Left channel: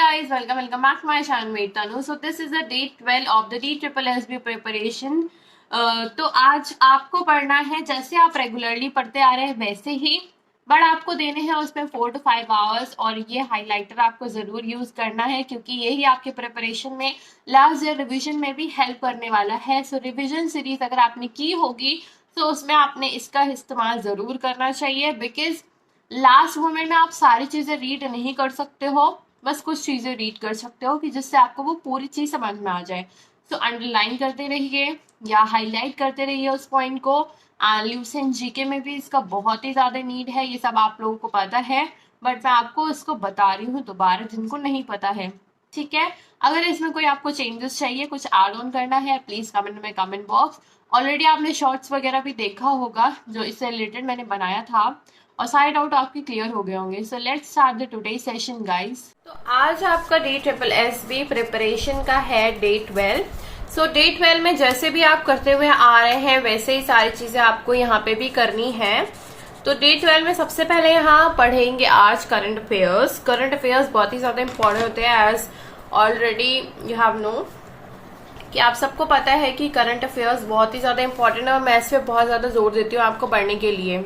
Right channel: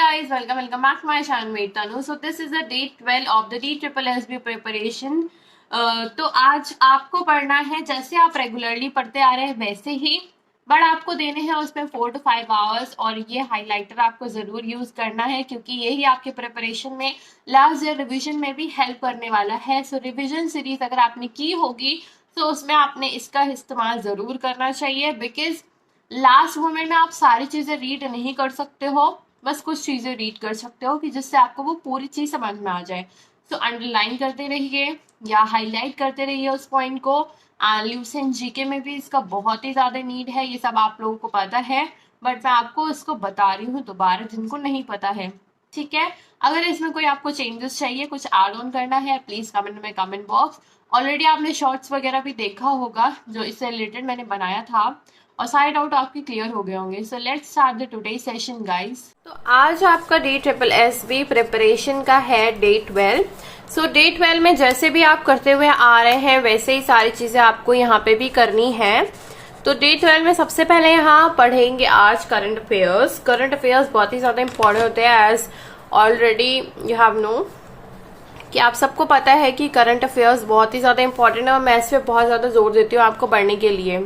guys, welcome back to my channel Mate Tanu. So this is the day 12 of the DSSSB preparation. तो आज आपको पढ़ना है जैसे आप रेगुलरली पढ़ते आ रहे हैं वैसे ही, बट आपको देने हैं उसमें 4 to 5 आवर्स और ये हाइलाइटर आपको जरूर यूज करना है क्योंकि यही आपके प्रिपरेशन में लास्ट ईयर रिविजन में भी हेल्प करने वाला है. सो रिविजन सीरीज अगर आपने की होगी तो उसमें आपने इसका इस्तेमाल जरूर करना चाहिए बिकॉज लास्ट मोमेंट में आप सारी चीजें रीड नहीं कर सकते हो, बस कुछ चीजें रीड कर सकते हो कि जिससे आपको वो पूरी चीज समझ में आ जाए. सो अंडरलाइन करते रहिए या हाईलाइट करते रहिए उस पॉइंट को. ल्यूसेंट जीके में भी इसका बहुत ही ज्यादा नीड है, ये सब आप लोगों को पता है, बट मैं आपको इसको बता रही हूँ दोबारा जिनको नहीं पता है. ठीक है, अगर इसमें कोई आपको चेंजेस चाहिए, कुछ ऐड ऑन करना है, प्लीज कमेंट में कमेंट बॉक्स. ऑलरेडी आपने शॉर्ट्स वगैरह भी देखा होगा जो इससे रिलेटेड मैंने बनाया था और सारे डाउट आपके क्लियर हो गए होंगे. So let's start the today session guys. तो आज आपका DSSSB प्रिपरेशन का है डे 12. सो डे 12 में जैसे भी आप करते हुए आ रहे हैं वैसे ही सारी चीजें आपको यहाँ पे भी करनी है. तो डे 12 में सबसे पहले यहाँ पढ़ेंगे आज करंट अफेयर्स. करंट अफेयर्स बहुत ही ज्यादा इंपॉर्टेंट होते हैं as already you have know कि आप सबको पता है कि करंट अफेयर्स बहुत ही ज्यादा इंपॉर्टेंट है और मैं इस पे बहुत ज्यादा जोर देती हूँ आपको पढ़ने के लिए.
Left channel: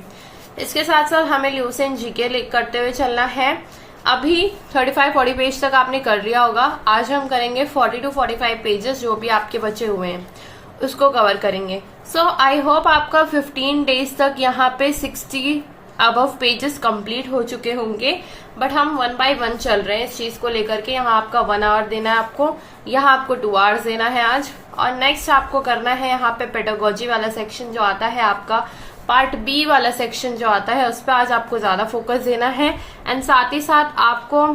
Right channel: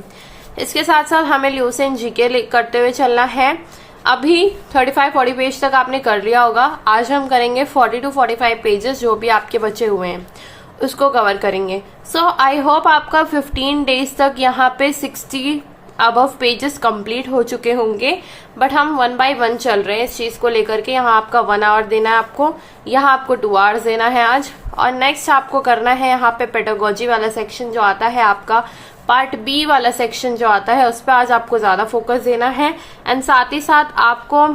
इसके साथ साथ हमें ल्यूसेंट जीके करते हुए चलना है. अभी 35-40 पेज तक आपने कर लिया होगा. आज हम करेंगे 40 to 45 पेजेस जो भी आपके बचे हुए हैं उसको कवर करेंगे. सो आई होप आपका 15 डेज तक यहाँ पे 60 अबव पेजेस कंप्लीट हो चुके होंगे, बट हम 1 by 1 चल रहे हैं इस चीज को लेकर के. यहाँ आपका 1 आवर देना है आपको, यहाँ आपको 2 आवर्स देना है आज. और नेक्स्ट आपको करना है यहाँ पे पेडागोजी वाला सेक्शन जो आता है आपका पार्ट बी वाला सेक्शन जो आता है उस पर आज आपको ज्यादा फोकस देना है. एंड साथ ही साथ आपको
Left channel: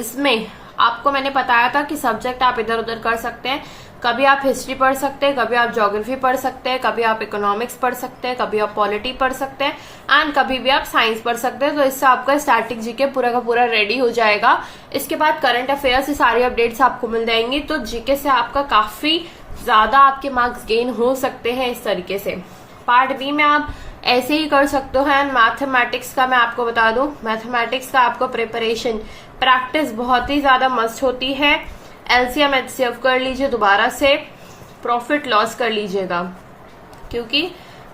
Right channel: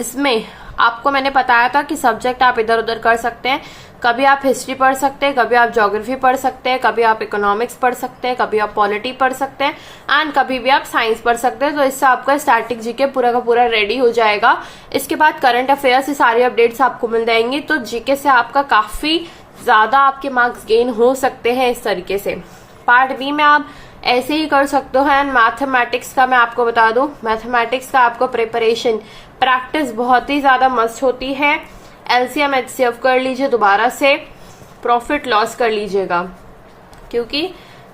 इसमें आपको मैंने बताया था कि सब्जेक्ट आप इधर उधर कर सकते हैं. कभी आप हिस्ट्री पढ़ सकते हैं, कभी आप ज्योग्राफी पढ़ सकते हैं, कभी आप इकोनॉमिक्स पढ़ सकते हैं, कभी आप पॉलिटी पढ़ सकते हैं एंड कभी भी आप साइंस पढ़ सकते हैं. तो इससे आपका स्टैटिक जीके पूरा का पूरा रेडी हो जाएगा. इसके बाद करंट अफेयर्स से सारी अपडेट्स आपको मिल जाएंगी. तो जीके से आपका काफी ज्यादा आपके मार्क्स गेन हो सकते हैं इस तरीके से. पार्ट बी में आप ऐसे ही कर सकते हो. एंड मैथमेटिक्स का मैं आपको बता दूं, मैथमेटिक्स का आपको प्रिपरेशन प्रैक्टिस बहुत ही ज्यादा मस्त होती है. एलसीएम एचसीएफ कर लीजिए, दोबारा से प्रॉफिट लॉस कर लीजिएगा क्योंकि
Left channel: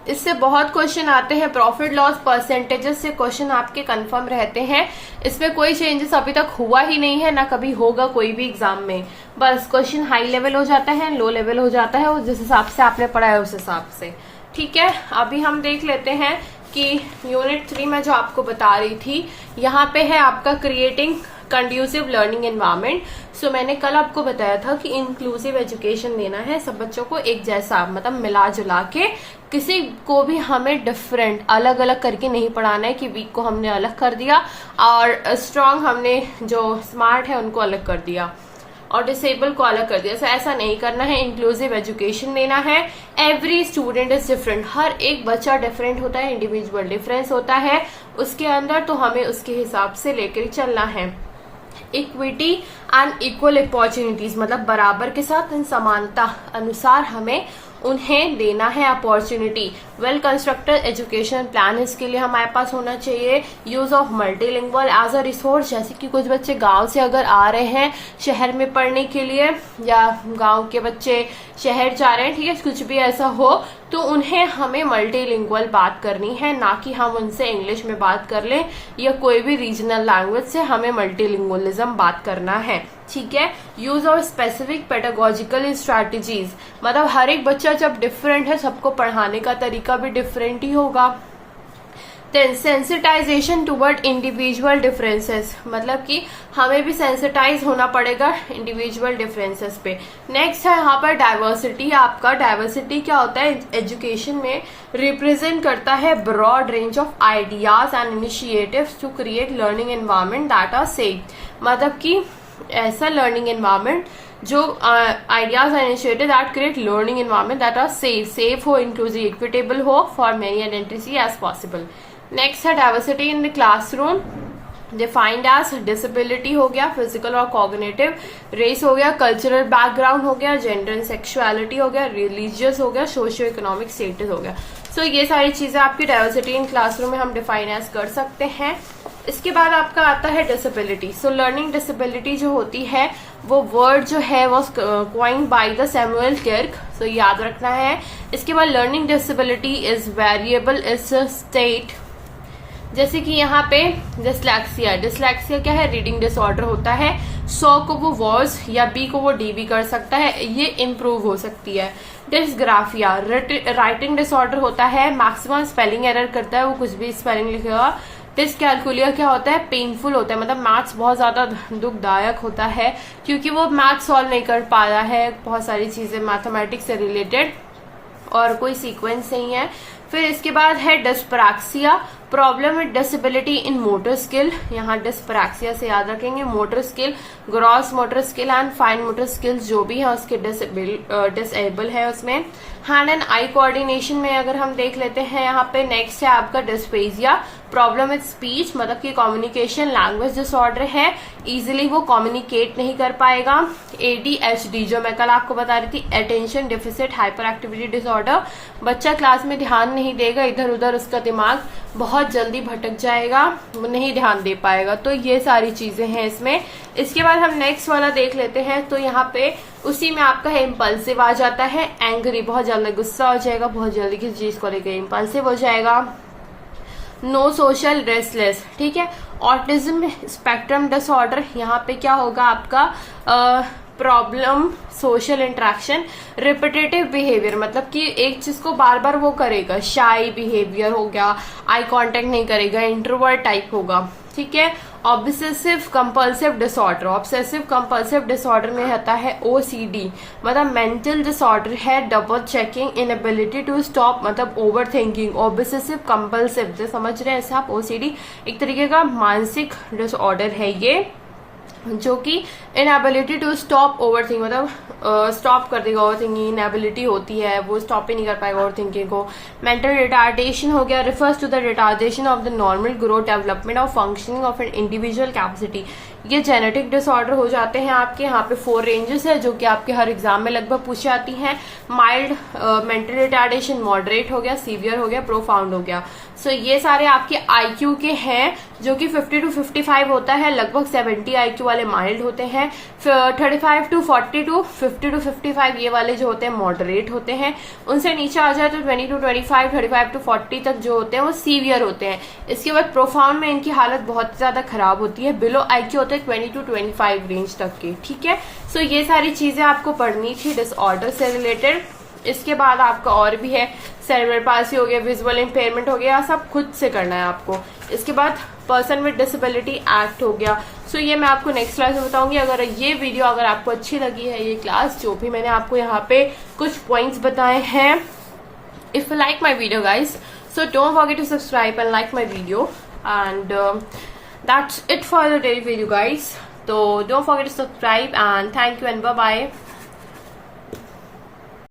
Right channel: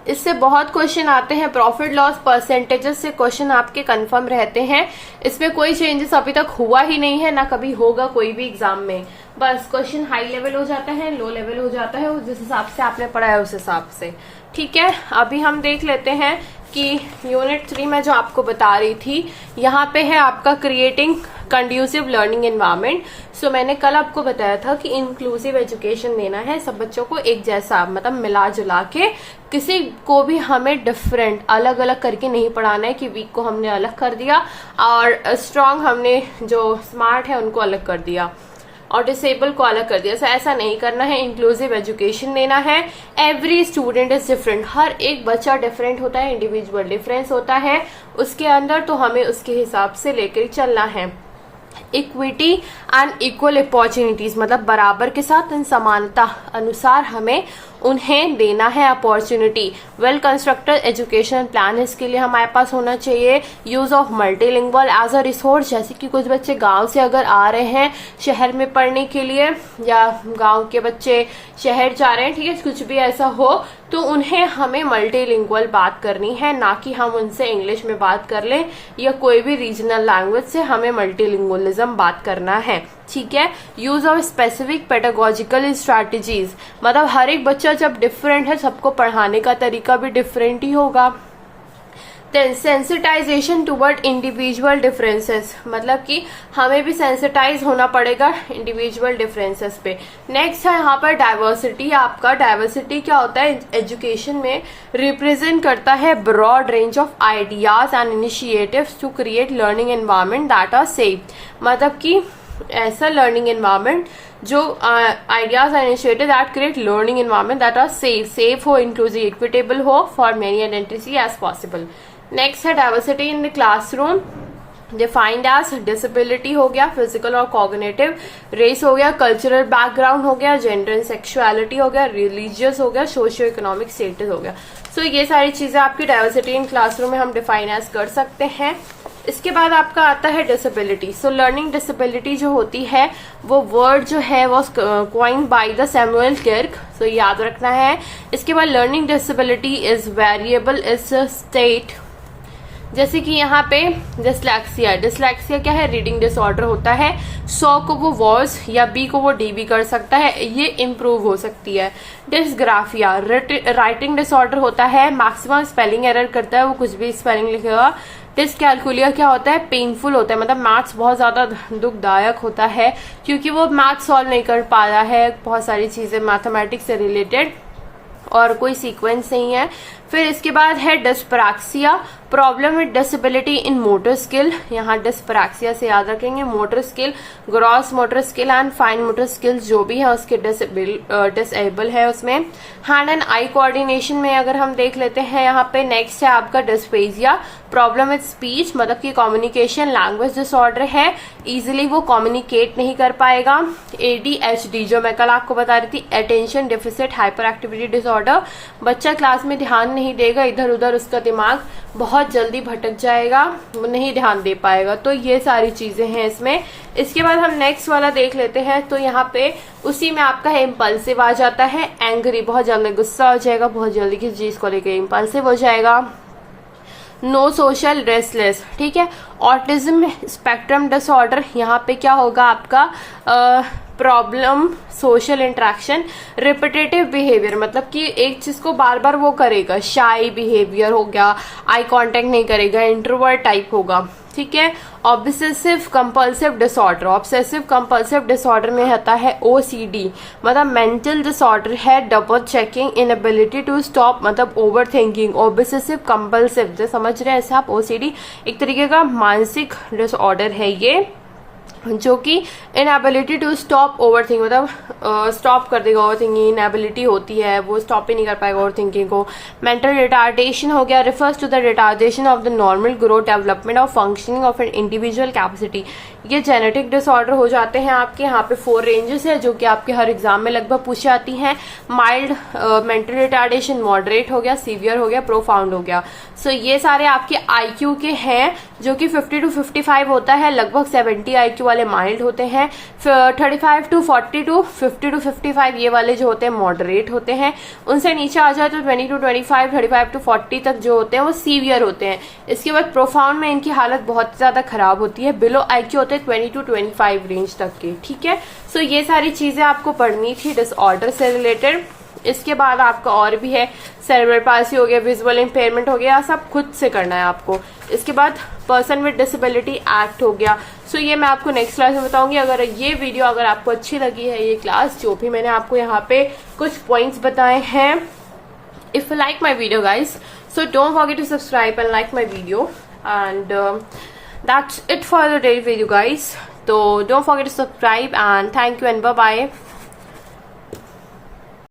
इससे बहुत क्वेश्चन आते हैं. प्रॉफिट लॉस परसेंटेजेस से क्वेश्चन आपके कंफर्म रहते हैं. इसमें कोई चेंजेस अभी तक हुआ ही नहीं है, ना कभी होगा कोई भी एग्जाम में. बस क्वेश्चन हाई लेवल हो जाता है, लो लेवल हो जाता है, जिस हिसाब से आपने पढ़ा है उस हिसाब से. ठीक है, अभी हम देख लेते हैं कि यूनिट 3 में जो आपको बता रही थी यहाँ पे है आपका क्रिएटिंग कंड्यूसिव लर्निंग एनवायरनमेंट. सो मैंने कल आपको बताया था कि इंक्लूसिव एजुकेशन देना है सब बच्चों को एक जैसा, मतलब मिला जुला के. किसी को भी हमें डिफरेंट अलग अलग करके नहीं पढ़ाना है कि वीक को हमने अलग कर दिया और स्ट्रांग हमने जो स्मार्ट है उनको अलग कर दिया और डिसेबल को अलग कर दिया. सो ऐसा नहीं करना है. इंक्लूसिव एजुकेशन देना है. एवरी स्टूडेंट इज डिफरेंट, हर एक बच्चा डिफरेंट होता है, इंडिविजुअल डिफरेंस होता है उसके अंदर, तो हमें उसके हिसाब से लेकर चलना है. इक्विटी एंड इक्वल अपॉर्चुनिटीज, मतलब बराबर के साथ समानता अनुसार हमें उन्हें देना है opportunity. Well constructed education plan इसके लिए हमारे पास होना चाहिए. Use of multilingual as a resource, जैसे कि कुछ बच्चे गांव से अगर आ रहे हैं शहर में पढ़ने के लिए या गांव के बच्चे शहर जा रहे हैं, ठीक है, कुछ भी ऐसा हो तो उन्हें हमें मल्टीलिंगुअल बात करनी है, ना कि हम उनसे इंग्लिश में बात कर लें या कोई भी रीजनल लैंग्वेज से. हमें मल्टीलिंगुअलिज्म बात करना है. ठीक है. Use of specific pedagogical strategies, मतलब हर एक बच्चा जब डिफरेंट है सबको पढ़ाने का तरीका भी डिफरेंट ही होगा. Then sensitization toward individual differences, मतलब कि हमें भी सेंसिटाइज होना पड़ेगा इंडिविजुअल डिफरेंसेस पे. नेक्स्ट है यहाँ पर डाइवर्सिटी. आपका डाइवर्सिटी क्या होता है एजुकेशन में, रिप्रेजेंट करता है broad range of ideas and initiatives to create learning environment that are safe, मतलब कि ऐसा लर्निंग एनवायरनमेंट जो ideas and initiative that create learning environment that are safe हो, इंक्लूसिव, इक्विटेबल हो for many identity as possible. Next है diversity in the classroom, defined as disability हो गया, physical और कॉग्निटिव, रेस हो गया, कल्चरल बैकग्राउंड हो गया, जेंडर एंड सेक्सुअलिटी हो गया, रिलीजियस हो गया, सोशियो इकोनॉमिक स्टेटस हो गया. सो ये सारी चीजें आपकी डाइवर्सिटी इन क्लासरूम में हम डिफाइन एज कर सकते हैं. इसके बाद आपका आता है डिसेबिलिटी। सो लर्निंग डिसेबिलिटी जो होती है वो वर्ड जो है वो coined by the Samuel Clark, so याद रखना है। इसके बाद learning disability is variable is state, जैसे कि यहाँ पे डिसलेक्सिया, डिसलेक्सिया क्या है, रीडिंग डिसऑर्डर होता है। 100 को वो वॉज या बी को वो डी भी कर सकता है, ये इम्प्रूव हो सकती है। डिसग्राफिया राइटिंग डिसऑर्डर होता है, मैक्सिमम स्पेलिंग एरर करता है, वो कुछ भी स्पेलिंग लिखेगा। डिसकैलकुलिया क्या होता है, पेनफुल होता है, मतलब मैथ्स बहुत ज्यादा दुखदायक होता है क्योंकि वो मैथ्स सॉल्व नहीं कर पाया है, बहुत सारी चीजें मैथमेटिक्स से रिलेटेड और कोई सीक्वेंस नहीं है। फिर इसके बाद है dyspraxia, problem with disability in motor skill. यहाँ डिस्प्रैक्सिया से याद रखेंगे motor skill, gross motor skill and fine motor skills जो भी है उसके डिसेबल है उसमें। हैंड एंड आई कोऑर्डिनेशन में अगर हम देख लेते हैं, यहाँ पे नेक्स्ट है आपका डिस्पेजिया, प्रॉब्लम विद स्पीच, मतलब कि कम्युनिकेशन लैंग्वेज डिसऑर्डर है, इजिली वो कम्युनिकेट नहीं कर पाएगा। ADHD जो मैं कल आपको बता रही थी, attention deficit hyper activity disorder, बच्चा क्लास में ध्यान नहीं देगा, इधर उधर उसका दिमाग बहुत जल्दी भटक जाएगा, नहीं ध्यान दे पाएगा। तो ये सारी चीजें हैं इसमें। इसके बाद हम नेक्स्ट वाला देख लेते हैं, तो यहाँ पे उसी में आपका इम्पल्सिव आ जाता है, एंग्री, बहुत जल्दी गुस्सा हो जाएगा, बहुत जल्दी किसी चीज को लेकर इम्पल्सिव हो जाएगा। नो सोशल रेस्टलेस, ठीक है। ऑटिज्म स्पेक्ट्रम डिसऑर्डर, यहाँ पे क्या होगा आपका problem social interaction, repetitive behaviour, मतलब कि एक चीज को बार बार वो करेगा, शाई बिहेवियर हो गया, आई कांटेक्ट नहीं करेगा, इंट्रोवर्ट टाइप होगा, ठीक है। Obsessive compulsive disorder, obsessive compulsive disorder में आता है OCD, मतलब मेंटल डिसऑर्डर है, double checking, inability to stop, मतलब ओवर थिंकिंग। ऑब्सेसिव कंपल्सिव जो समझ रहे हैं ऐसे आप, OCD एक तरीके का मानसिक डिसऑर्डर है ये, जो कि inability to stop over think, मतलब स्टॉप कर देगा ओवर थिंकिंग, इनएबिलिटी होती है, वो स्टॉप ही नहीं कर पाएगा ओवर थिंकिंग को। मेंटल रिटार्डेशन हो गया, refers to the retardation of the normal growth development of functioning of an individual capacity. ये जेनेटिक डिसऑर्डर हो जाते हैं आपके। यहाँ पे 4 रेंजेस है जो कि आपके हर एग्जाम में लगभग पूछी आती हैं। माइल्ड मेंटल रिटार्डेशन, मॉडरेट हो गया, सीवियर हो गया, प्रोफाउंड हो गया। सो ये सारे आपके IQ के हैं जो कि 50 to 55 होता है, लगभग 70 IQ वाले माइल्ड होते हैं, 35 to 42, 50 to 55 ये वाले जो होते हैं मॉडरेट होते हैं। उनसे नीचे आ जाए तो 20 to 25, 35 to 40 तक जो होते हैं वो सीवियर होते हैं। इसके बाद प्रोफाउंड में इनकी हालत बहुत ज्यादा खराब होती है, बिलो IQ होते हैं 20 to 25 रेंज तक के, ठीक है। सो ये सारी चीजें आपको पढ़नी थी डिसऑर्डर से रिलेटेड। इसके बाद आपका और भी है, सेरेब्रल पाल्सी हो गया, विजुअल इम्पेयरमेंट हो गया, सब खुद से करना है आपको। इसके बाद पर्सन विद डिसेबिलिटी एक्ट हो गया। सो ये मैं आपको नेक्स्ट क्लास में बताऊंगी। अगर ये वीडियो अगर आपको अच्छी लगी है, ये क्लास जो भी मैंने आपको यहाँ पे कुछ पॉइंट्स बताए हैं, if you like my video guys, so don't forget to subscribe and like my video, and that's it for the day video guys. So don't forget to subscribe and thank you and bye bye.